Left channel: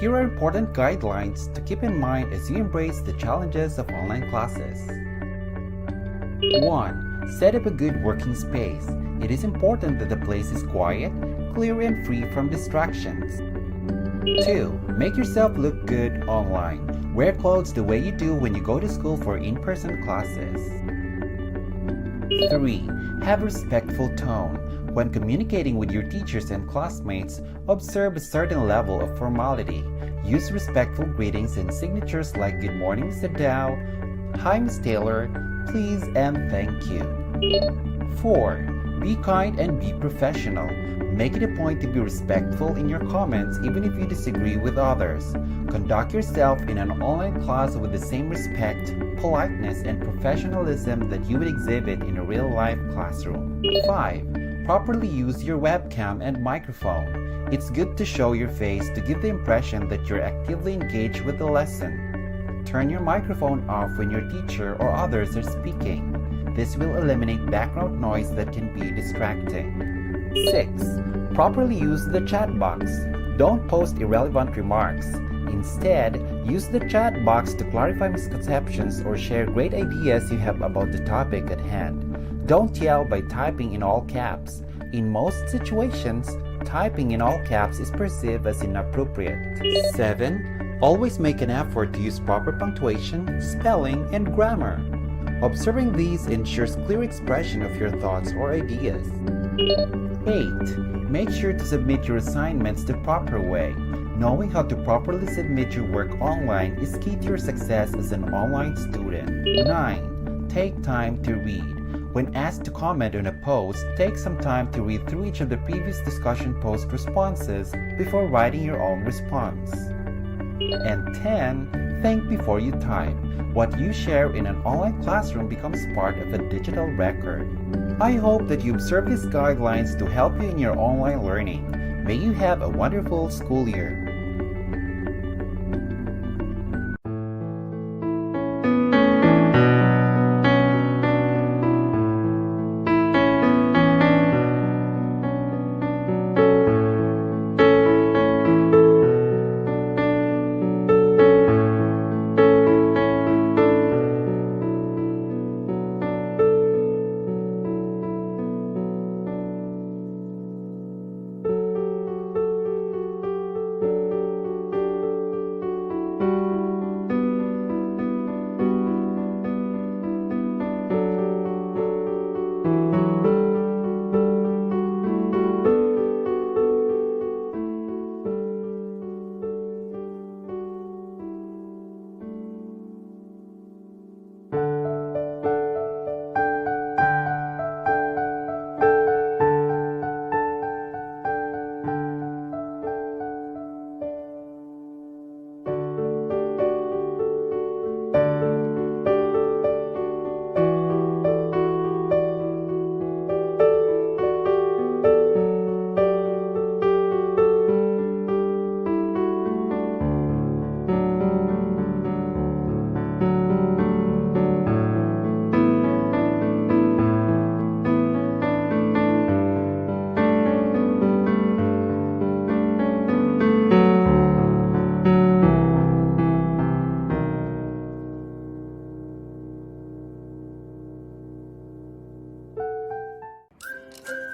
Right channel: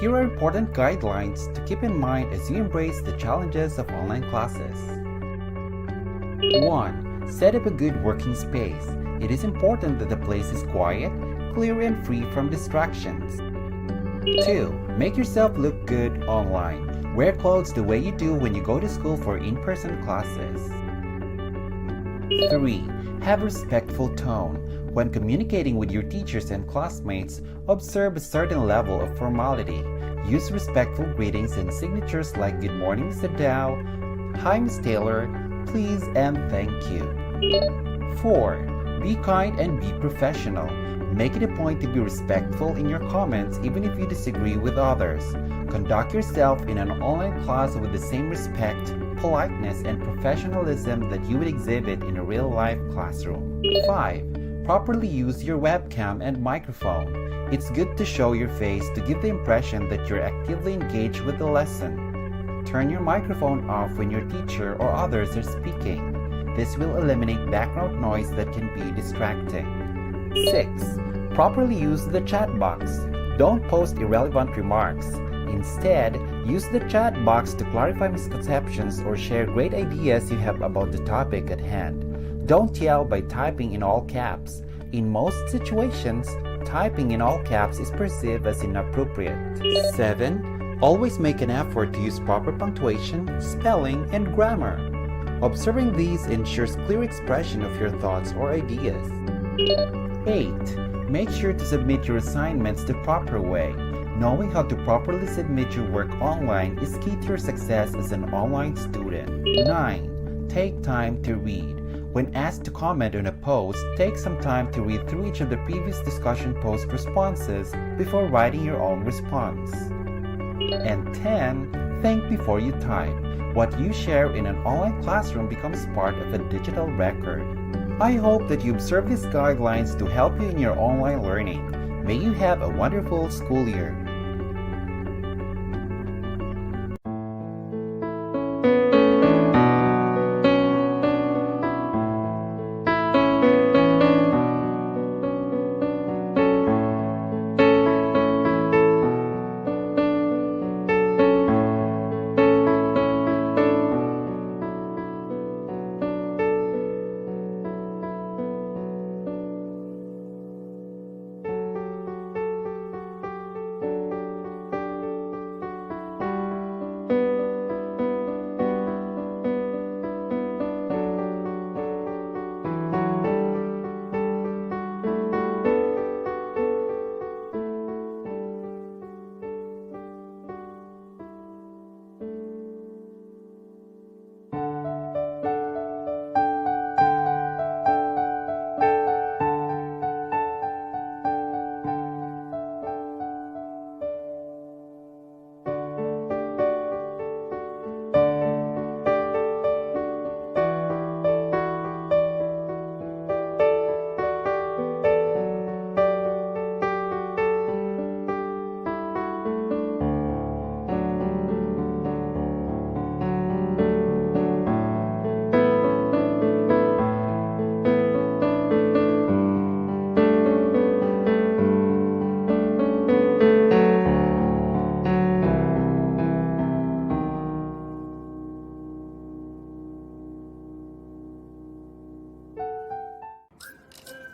Here are important guidelines to keep in mind as you embrace the challenges of online classes. 1. Set up a good working space. It is important that the place is quiet, clear, and free from distractions. 2. Make yourself look good online. Wear clothes the way you do when you go to school for in-person classes. 3. Have a respectful tone. When communicating with your teachers and classmates, observe a certain level of formality. Use respectful greetings and signatures like Good morning, Mr. Dow, Hi, Ms. Taylor, please, and thank you. 4. Be kind and be professional. Make it a point to be respectful in your comments even if you disagree with others. Conduct yourself in an online class with the same respect, politeness, and professionalism that you would exhibit in a real-life classroom. 5. Properly use your webcam and microphone. It's good to show your face to give the impression that you're actively engaged with the lesson. Turn your microphone off when your teacher or others are speaking. This will eliminate background noise that can be distracting. 6. Properly use the chat box. Don't post irrelevant remarks. Instead, use the chat box to clarify misconceptions or share great ideas you have about the topic at hand. Don't yell by typing in all caps. In most situations, typing in all caps is perceived as inappropriate. 7. Always make an effort to use proper punctuation, spelling, and grammar. Observing these ensures clear expression of your thoughts or ideas. 8. Make sure to submit your assignments the proper way. Knowing how to properly submit your work online is key to your success as an online student. 9. Take time to read. When asked to comment on a post, take some time to read through each of the previous discussion post responses before writing your own response. And 10. Think before you type. What you share in an online classroom becomes part of a digital record. I hope that you observe these guidelines to help you in your online learning. May you have a wonderful school year.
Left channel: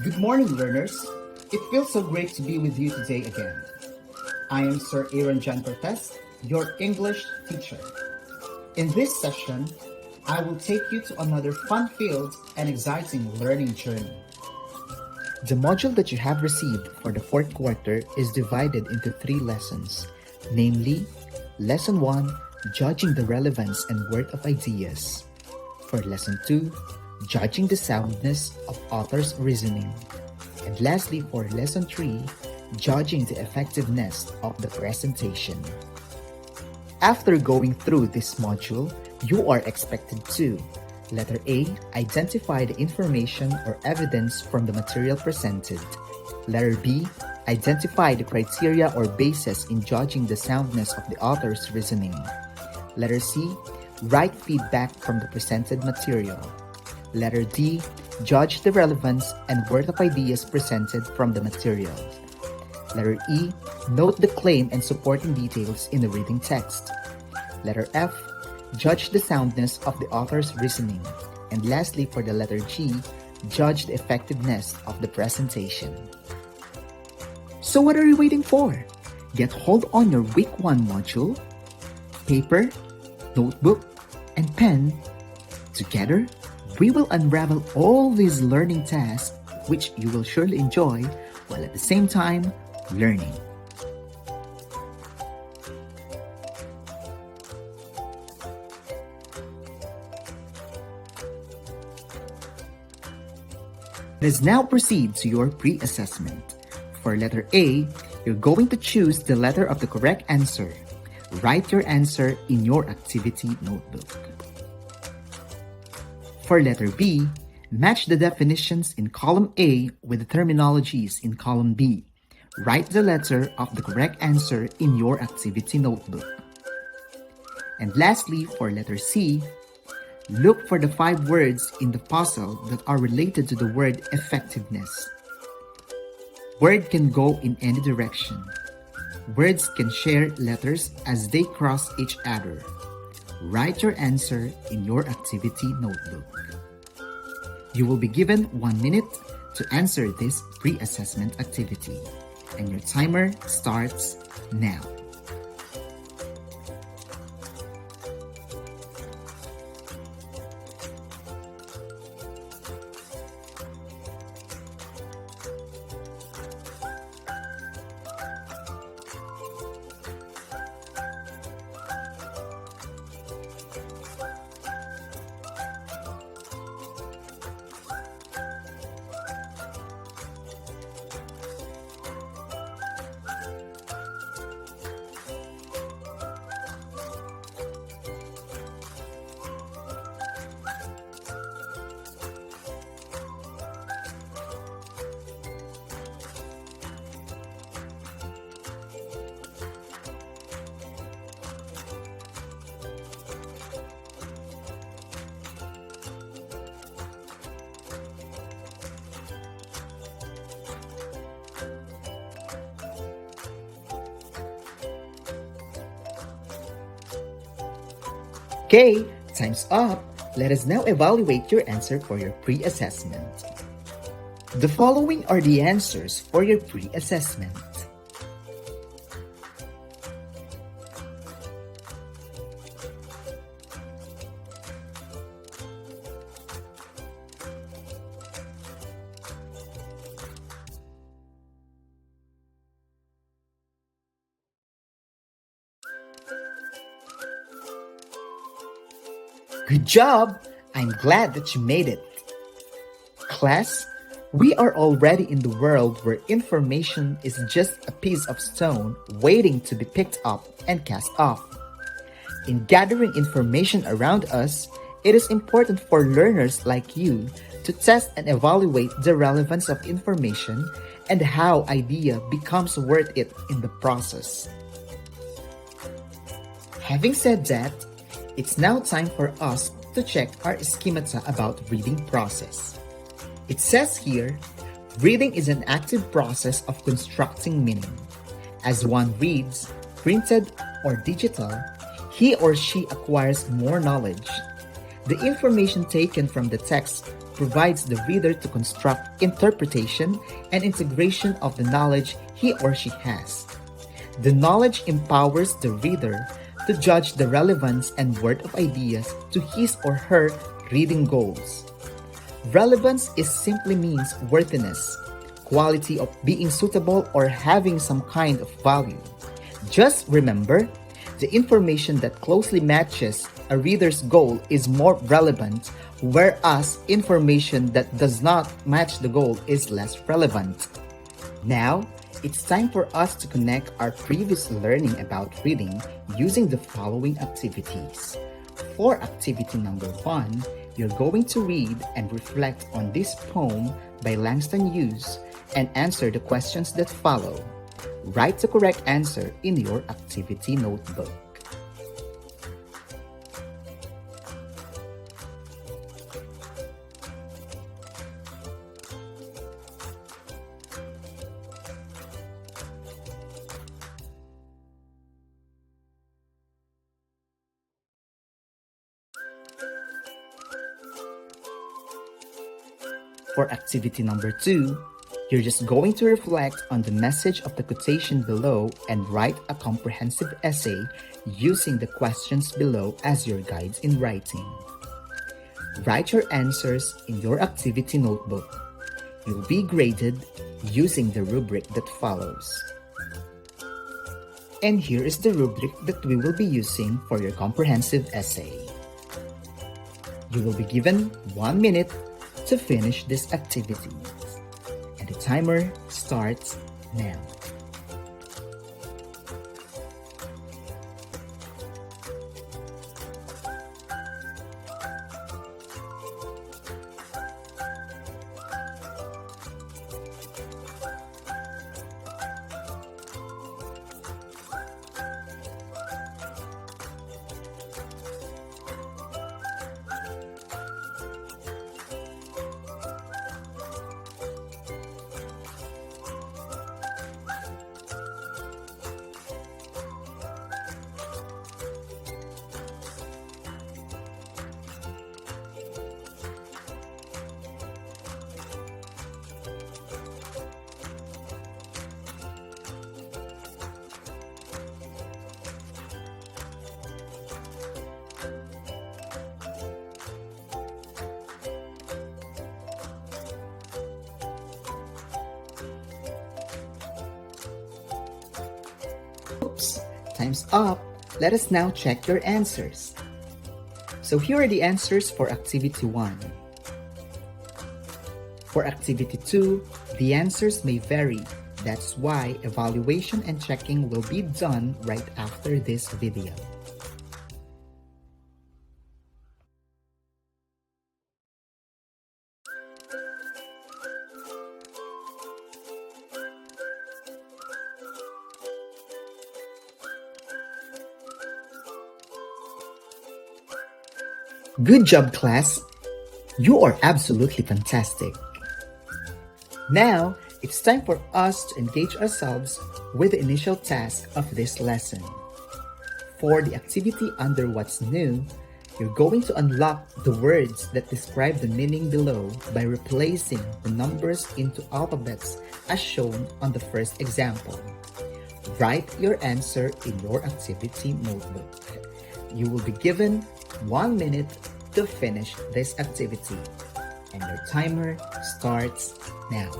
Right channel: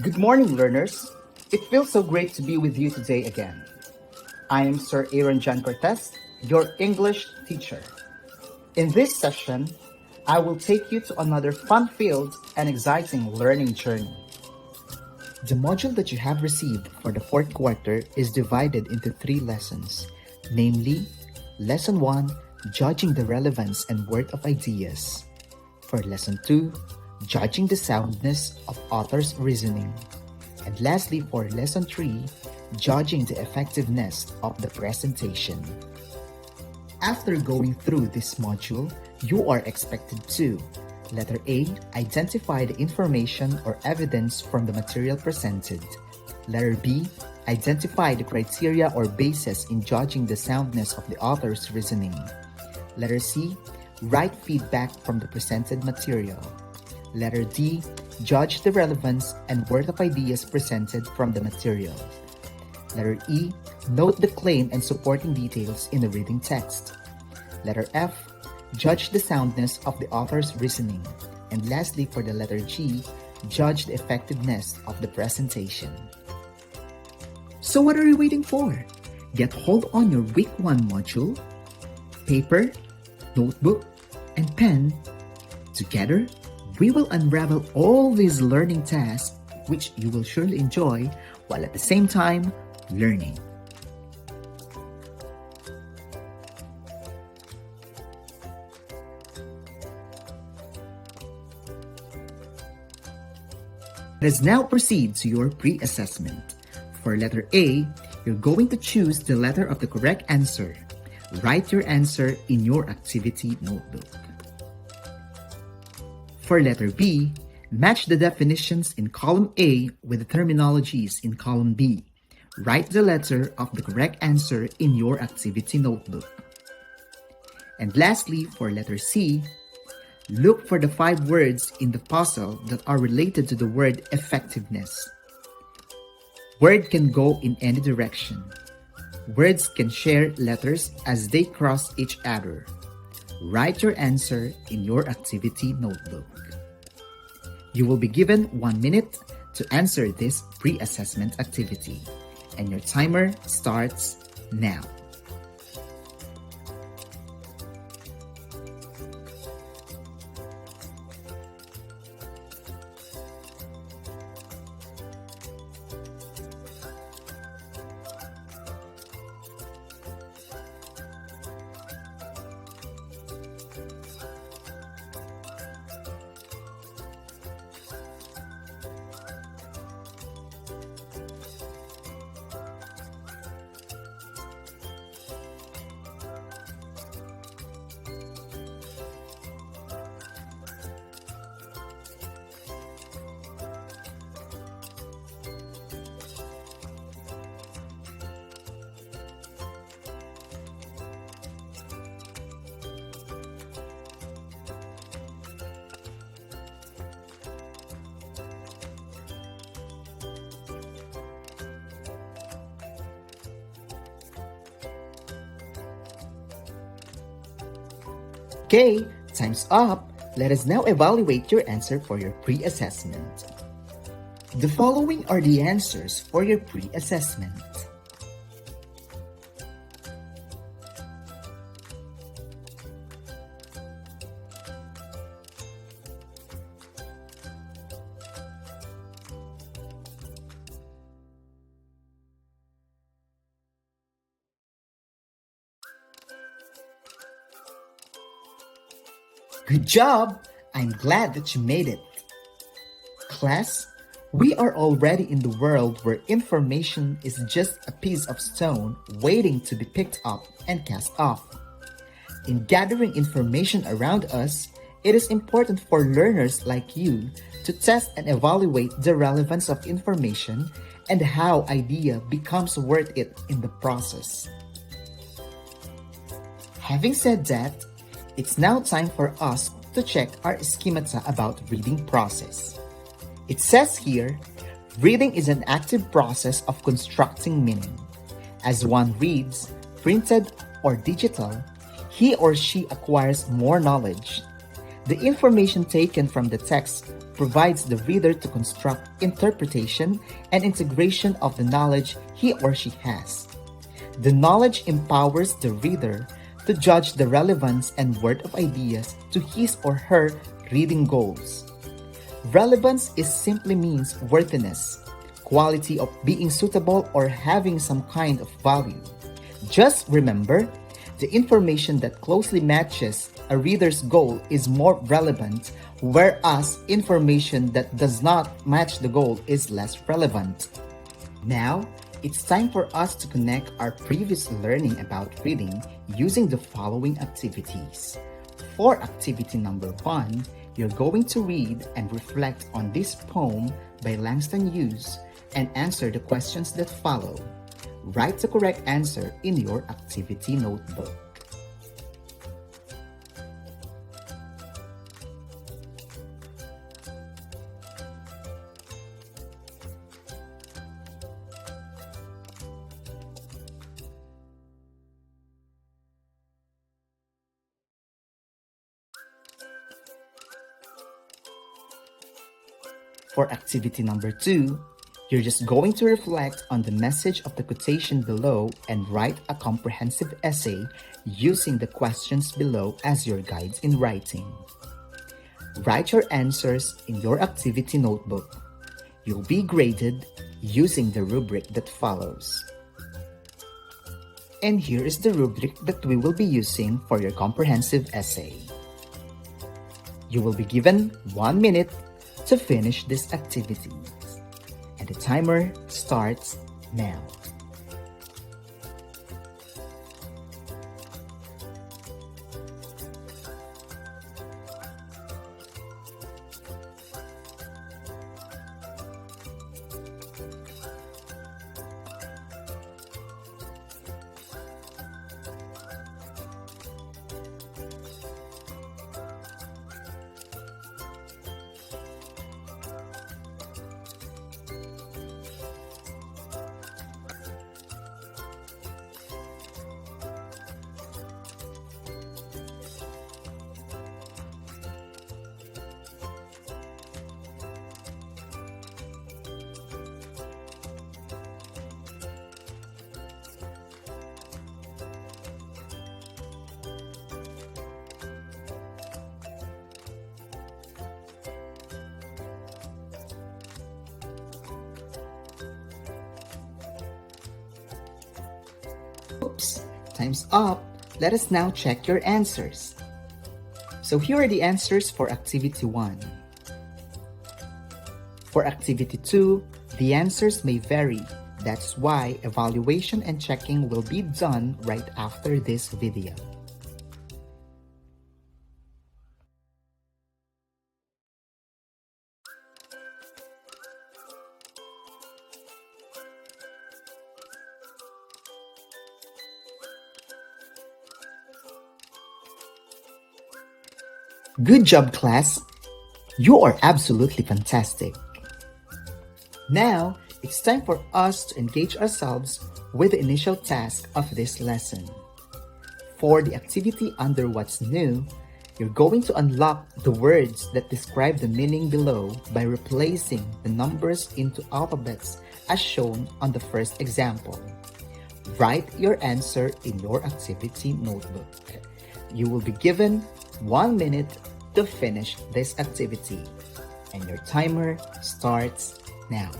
Good morning, learners. It feels so great to be with you today again. I am Sir Aaron John Cortez, your English teacher. In this session, I will take you to another fun-filled and exciting learning journey. The module that you have received for the fourth quarter is divided into 3 lessons, namely, Lesson 1, Judging the Relevance and Worth of Ideas. For Lesson 2, Judging the Soundness of Author's Reasoning. And lastly, for Lesson 3, Judging the Effectiveness of the Presentation. After going through this module, you are expected to: Letter A, identify the information or evidence from the material presented. Letter B, identify the criteria or basis in judging the soundness of the author's reasoning. Letter C, write feedback from the presented material. Letter D, judge the relevance and worth of ideas presented from the material. Letter E, note the claim and supporting details in the reading text. Letter F, judge the soundness of the author's reasoning. And lastly, for the letter G, judge the effectiveness of the presentation. So what are you waiting for? Get hold on your week 1 module, paper, notebook, and pen. Together, we will unravel all these learning tasks which you will surely enjoy while at the same time learning. Let's now proceed to your pre-assessment. For letter A, you're going to choose the letter of the correct answer. Write your answer in your activity notebook. For letter B, match the definitions in column A with the terminologies in column B. Write the letter of the correct answer in your activity notebook. And lastly, for letter C, look for the 5 words in the puzzle that are related to the word effectiveness. Word can go in any direction. Words can share letters as they cross each other. Write your answer in your activity notebook. You will be given 1 minute to answer this pre-assessment activity, and your timer starts now. Okay, time's up. Let us now evaluate your answer for your pre-assessment. The following are the answers for your pre-assessment. Good job! I'm glad that you made it. Class, we are already in the world where information is just a piece of stone waiting to be picked up and cast off. In gathering information around us, it is important for learners like you to test and evaluate the relevance of information and how idea becomes worth it in the process. Having said that, it's now time for us to check our schemata about reading process. It says here, reading is an active process of constructing meaning. As one reads, printed or digital, he or she acquires more knowledge. The information taken from the text provides the reader to construct interpretation and integration of the knowledge he or she has. The knowledge empowers the reader to judge the relevance and worth of ideas to his or her reading goals. Relevance is simply means worthiness, quality of being suitable or having some kind of value. Just remember, the information that closely matches a reader's goal is more relevant, whereas information that does not match the goal is less relevant. Now, it's time for us to connect our previous learning about reading using the following activities. For activity number 1, you're going to read and reflect on this poem by Langston Hughes and answer the questions that follow. Write the correct answer in your activity notebook. For activity number 2, you're just going to reflect on the message of the quotation below and write a comprehensive essay using the questions below as your guides in writing. Write your answers in your activity notebook. You'll be graded using the rubric that follows. And here is the rubric that we will be using for your comprehensive essay. You will be given 1 minute to finish this activity. And the timer starts now. Oops, time's up. Let us now check your answers. So here are the answers for activity 1. For activity 2, the answers may vary. That's why evaluation and checking will be done right after this video. Good job, class! You are absolutely fantastic. Now, it's time for us to engage ourselves with the initial task of this lesson. For the activity under What's New, you're going to unlock the words that describe the meaning below by replacing the numbers into alphabets as shown on the first example. Write your answer in your activity notebook. You will be given 1 minute to finish this activity, and your timer starts now.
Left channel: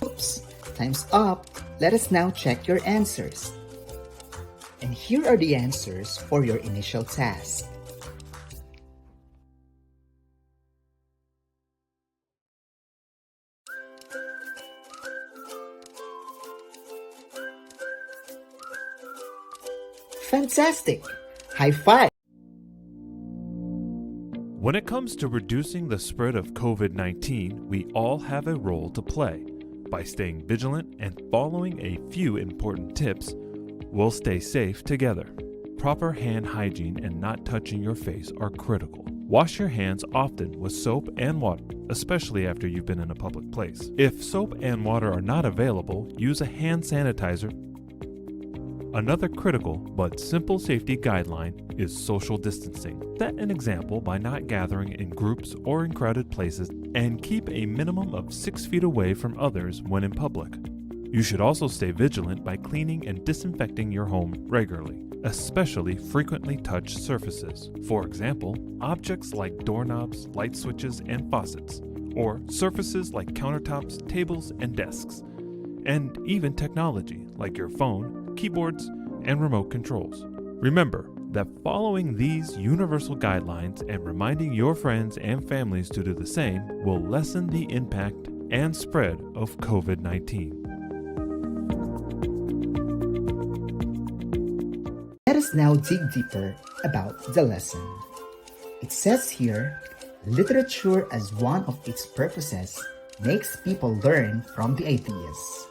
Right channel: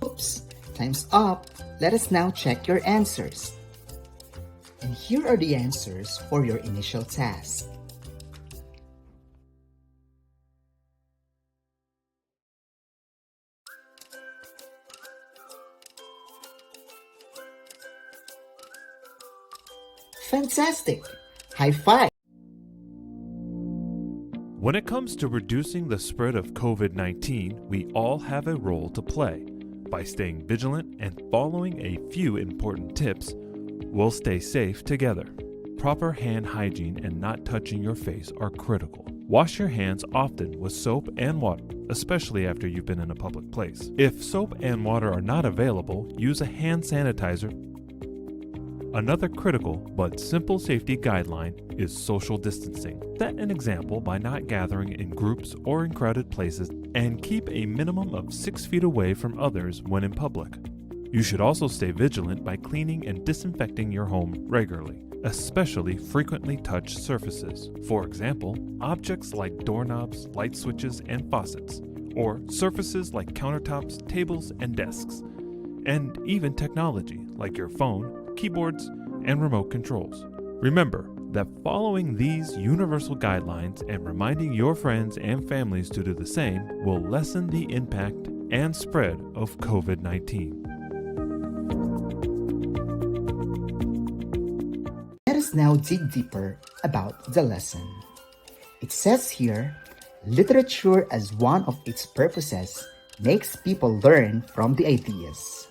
Oops, time's up. Let us now check your answers. And here are the answers for your initial task. Fantastic! High five! When it comes to reducing the spread of COVID-19, we all have a role to play. By staying vigilant and following a few important tips, we'll stay safe together. Proper hand hygiene and not touching your face are critical. Wash your hands often with soap and water, especially after you've been in a public place. If soap and water are not available, use a hand sanitizer. Another critical but simple safety guideline is social distancing. Set an example by not gathering in groups or in crowded places, and keep a minimum of 6 feet away from others when in public. You should also stay vigilant by cleaning and disinfecting your home regularly. especially frequently touched surfaces. For example, objects like doorknobs, light switches, and faucets, or surfaces like countertops, tables, and desks, and even technology like your phone, keyboards, and remote controls. Remember that following these universal guidelines and reminding your friends and families to do the same will lessen the impact and spread of COVID-19. Let us now dig deeper about the lesson. It says here, literature as one of its purposes makes people learn from the ideas.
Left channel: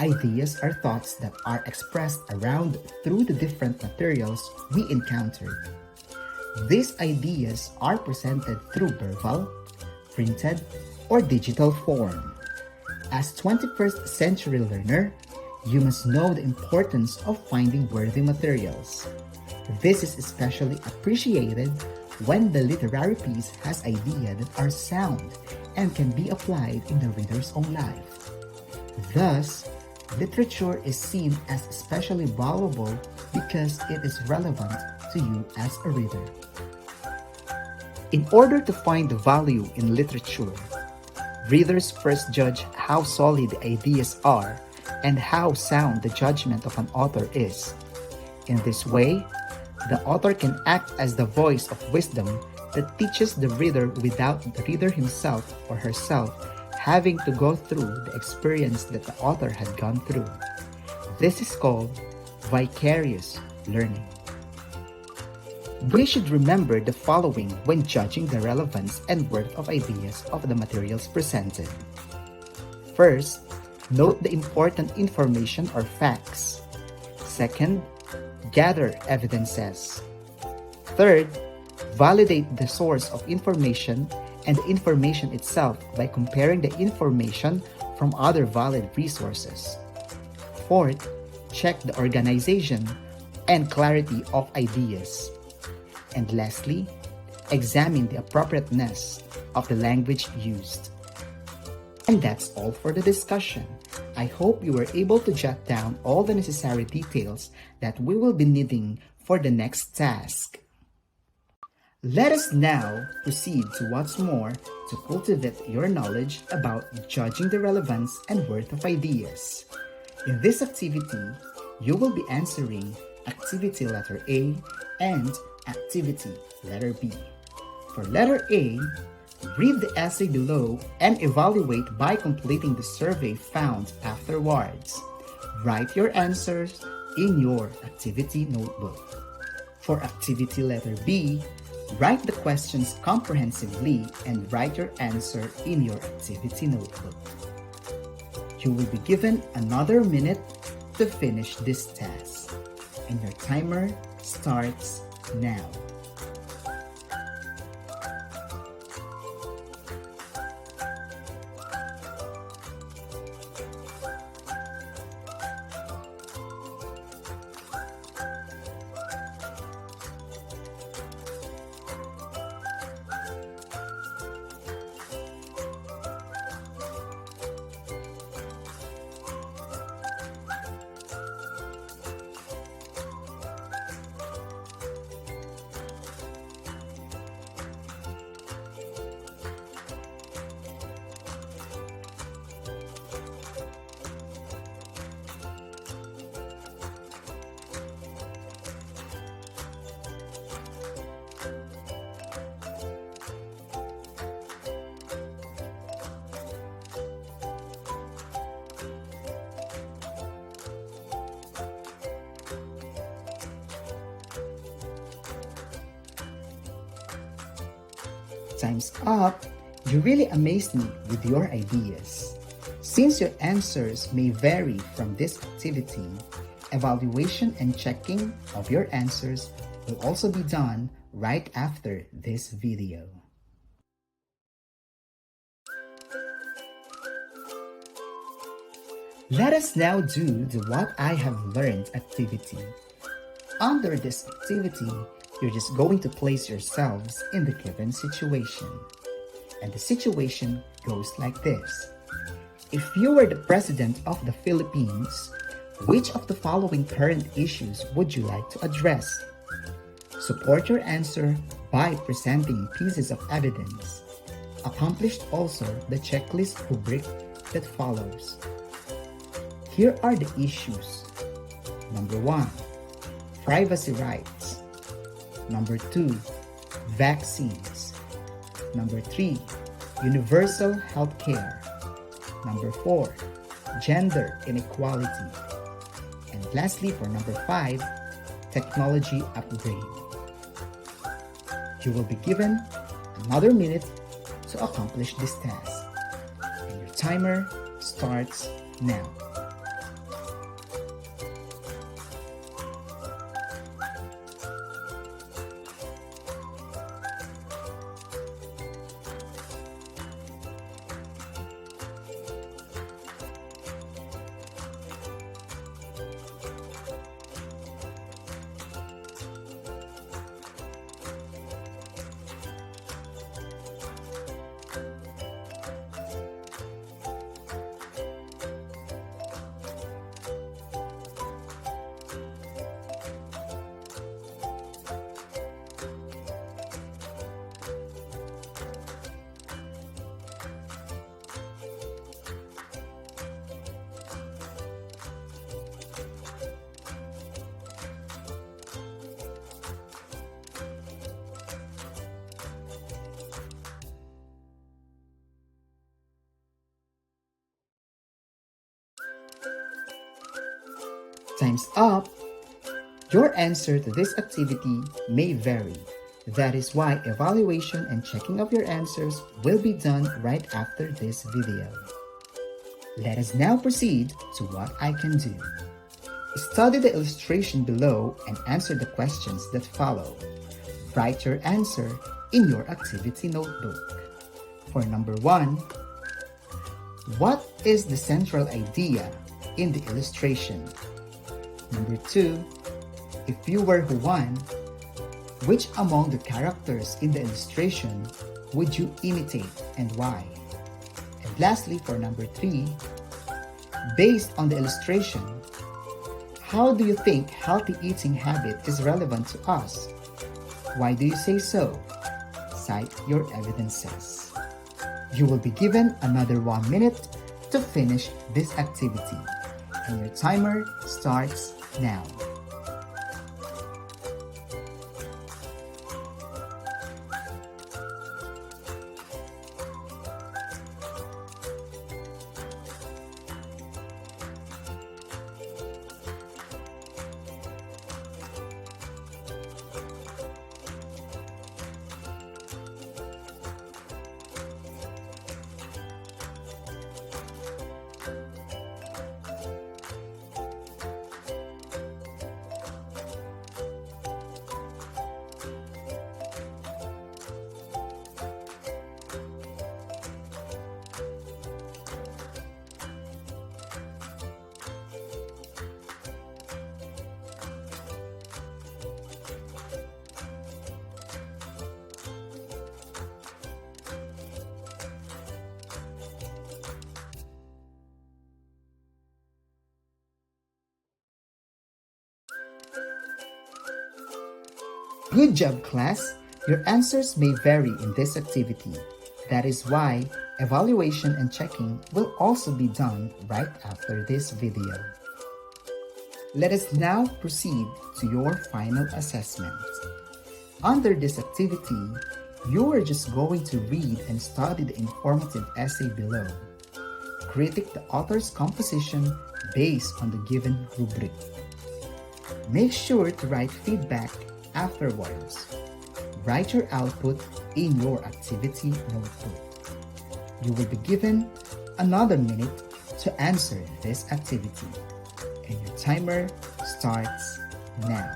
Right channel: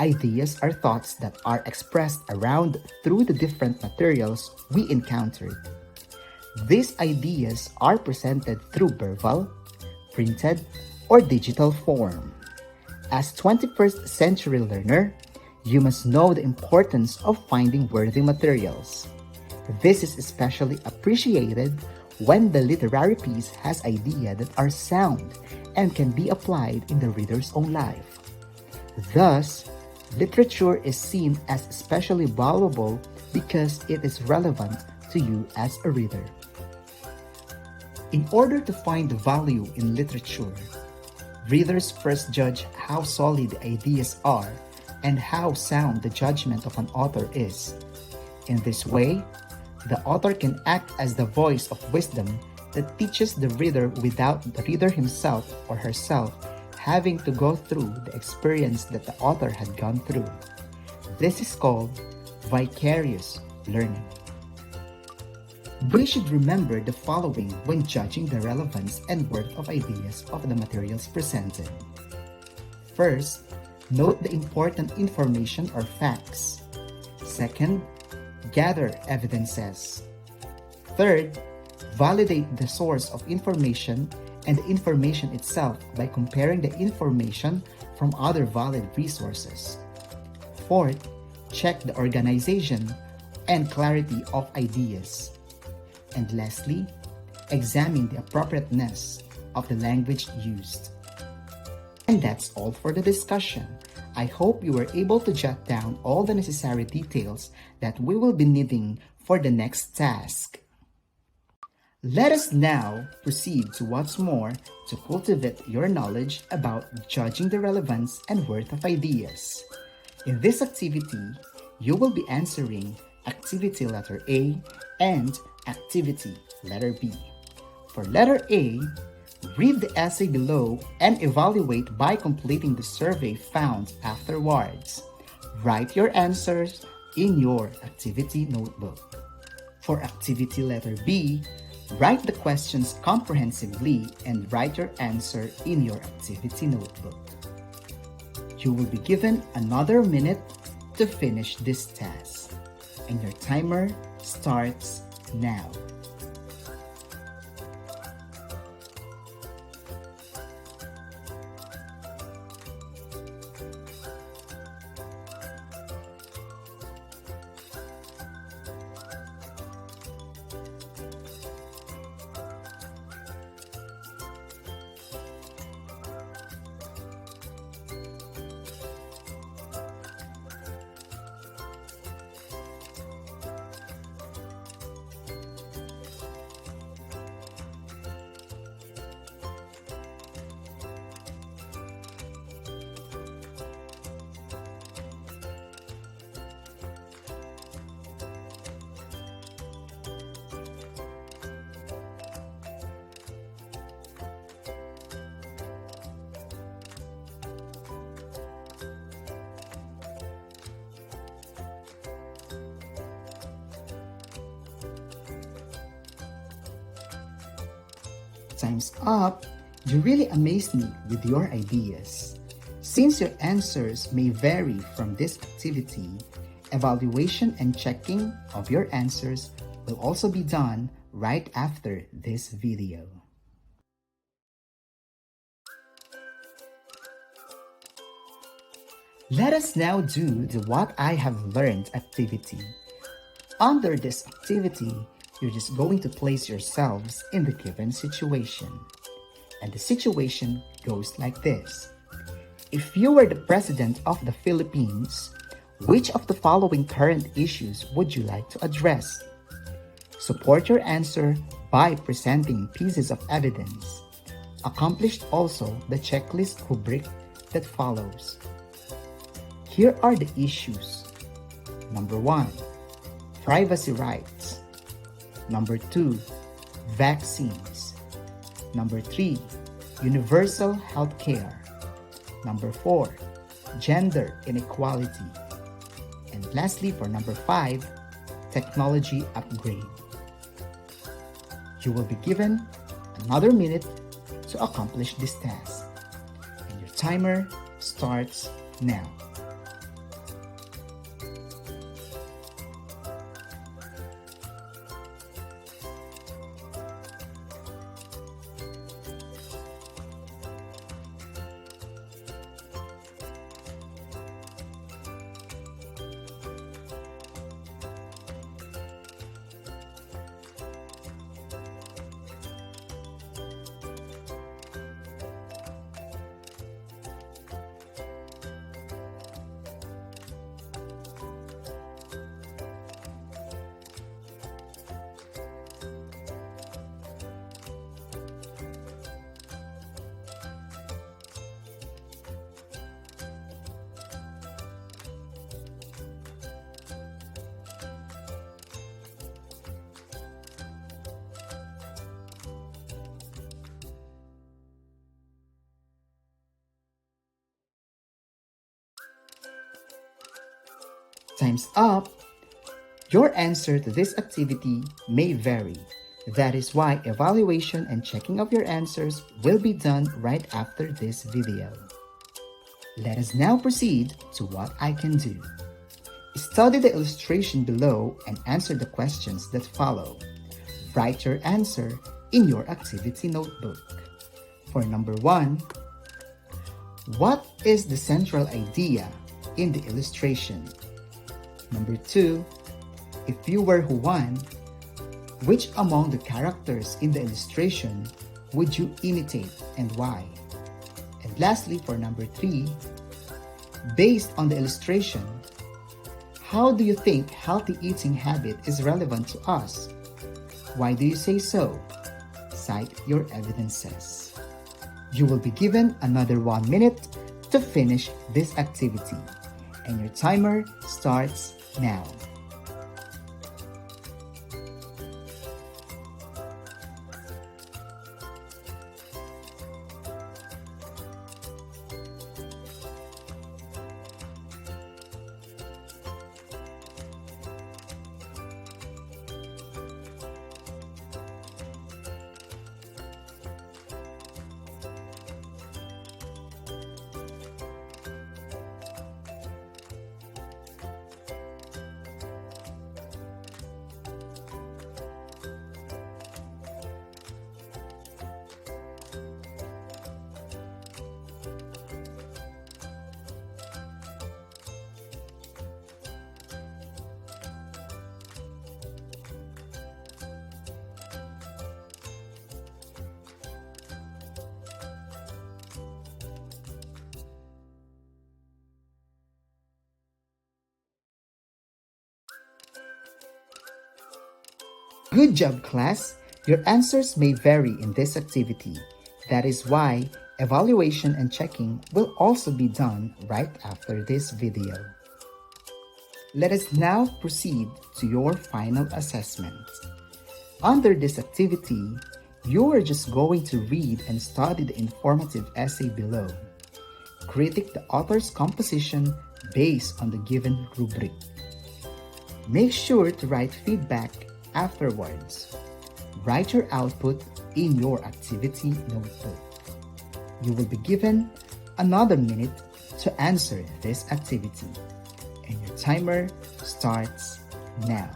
Ideas are thoughts that are expressed around through the different materials we encountered. These ideas are presented through verbal, printed, or digital form. As 21st century learner, you must know the importance of finding worthy materials. This is especially appreciated when the literary piece has ideas that are sound and can be applied in the reader's own life. Thus, literature is seen as especially valuable because it is relevant to you as a reader. In order to find the value in literature, readers first judge how solid the ideas are and how sound the judgment of an author is. In this way, the author can act as the voice of wisdom that teaches the reader without the reader himself or herself having to go through the experience that the author had gone through. This is called vicarious learning. We should remember the following when judging the relevance and worth of ideas of the materials presented. First, note the important information or facts. Second, gather evidences. Third, validate the source of information and the information itself by comparing the information from other valid resources. Fourth, check the organization and clarity of ideas. And lastly, examine the appropriateness of the language used. And that's all for the discussion. I hope you were able to jot down all the necessary details that we will be needing for the next task. Let us now proceed to what's more to cultivate your knowledge about judging the relevance and worth of ideas. In this activity, you will be answering activity letter A and activity letter B. For letter A, read the essay below and evaluate by completing the survey found afterwards. Write your answers in your activity notebook. For activity letter B, write the questions comprehensively and write your answer in your activity notebook. You will be given another minute to finish this task, and your timer starts now. Time's up! You really amazed me with your ideas. Since your answers may vary from this activity, evaluation and checking of your answers will also be done right after this video. Let us now do the What I Have Learned activity. Under this activity, you're just going to place yourselves in the given situation. And the situation goes like this. If you were the President of the Philippines, Which of the following current issues would you like to address? Support your answer by presenting pieces of evidence. Accomplish also the checklist rubric that follows. Here are the issues. Number 1, privacy rights. Number 2, vaccines. Number 3, universal health care. Number 4, gender inequality. And lastly, for number 5, technology upgrade. You will be given another minute to accomplish this task. And your timer starts now. Time's up! Your answer to this activity may vary. That is why evaluation and checking of your answers will be done right after this video. Let us now proceed to what I can do. Study the illustration below and answer the questions that follow. Write your answer in your activity notebook. For number 1, what is the central idea in the illustration? Number 2, if you were Juan, which among the characters in the illustration would you imitate and why? And lastly, for number 3, based on the illustration, how do you think healthy eating habit is relevant to us? Why do you say so? Cite your evidences. You will be given another 1 minute to finish this activity, and your timer starts now. Good job, class! Your answers may vary in this activity. That is why evaluation and checking will also be done right after this video. Let us now proceed to your final assessment. Under this activity, you are just going to read and study the informative essay below. Critique the author's composition based on the given rubric. Make sure to write feedback afterwards. Write your output in your activity notebook. You will be given another minute to answer this activity, and your timer starts now.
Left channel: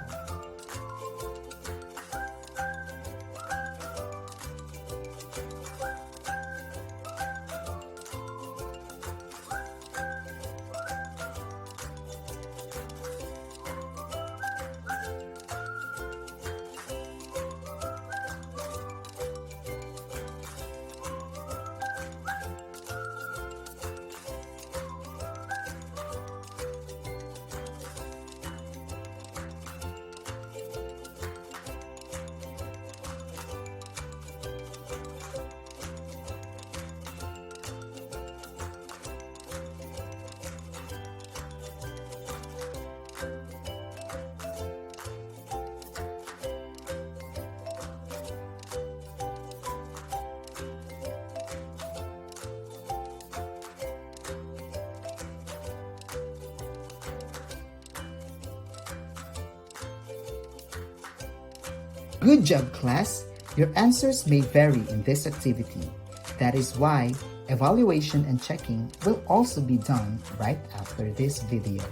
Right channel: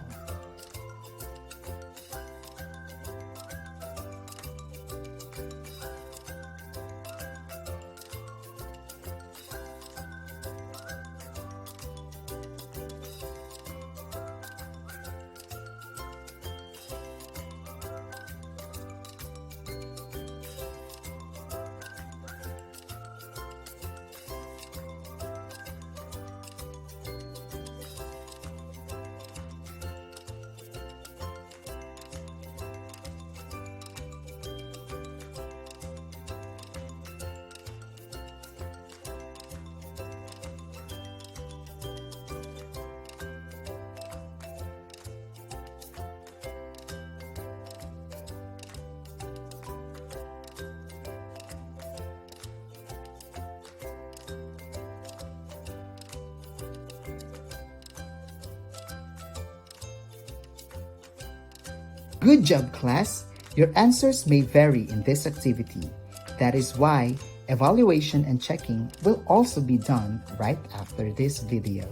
Good job, class! Your answers may vary in this activity. That is why evaluation and checking will also be done right after this video.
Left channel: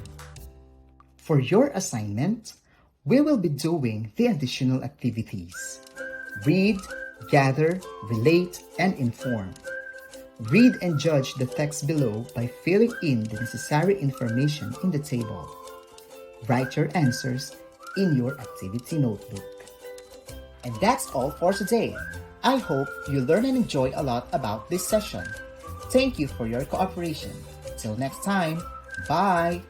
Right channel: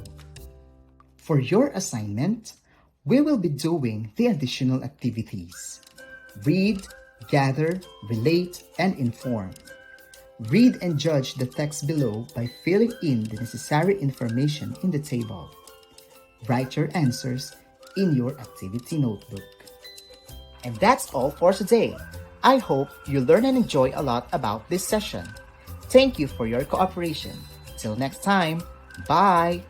For your assignment, we will be doing the additional activities. Read, gather, relate, and inform. Read and judge the text below by filling in the necessary information in the table. Write your answers in your activity notebook. And that's all for today. I hope you learn and enjoy a lot about this session. Thank you for your cooperation. Till next time, bye!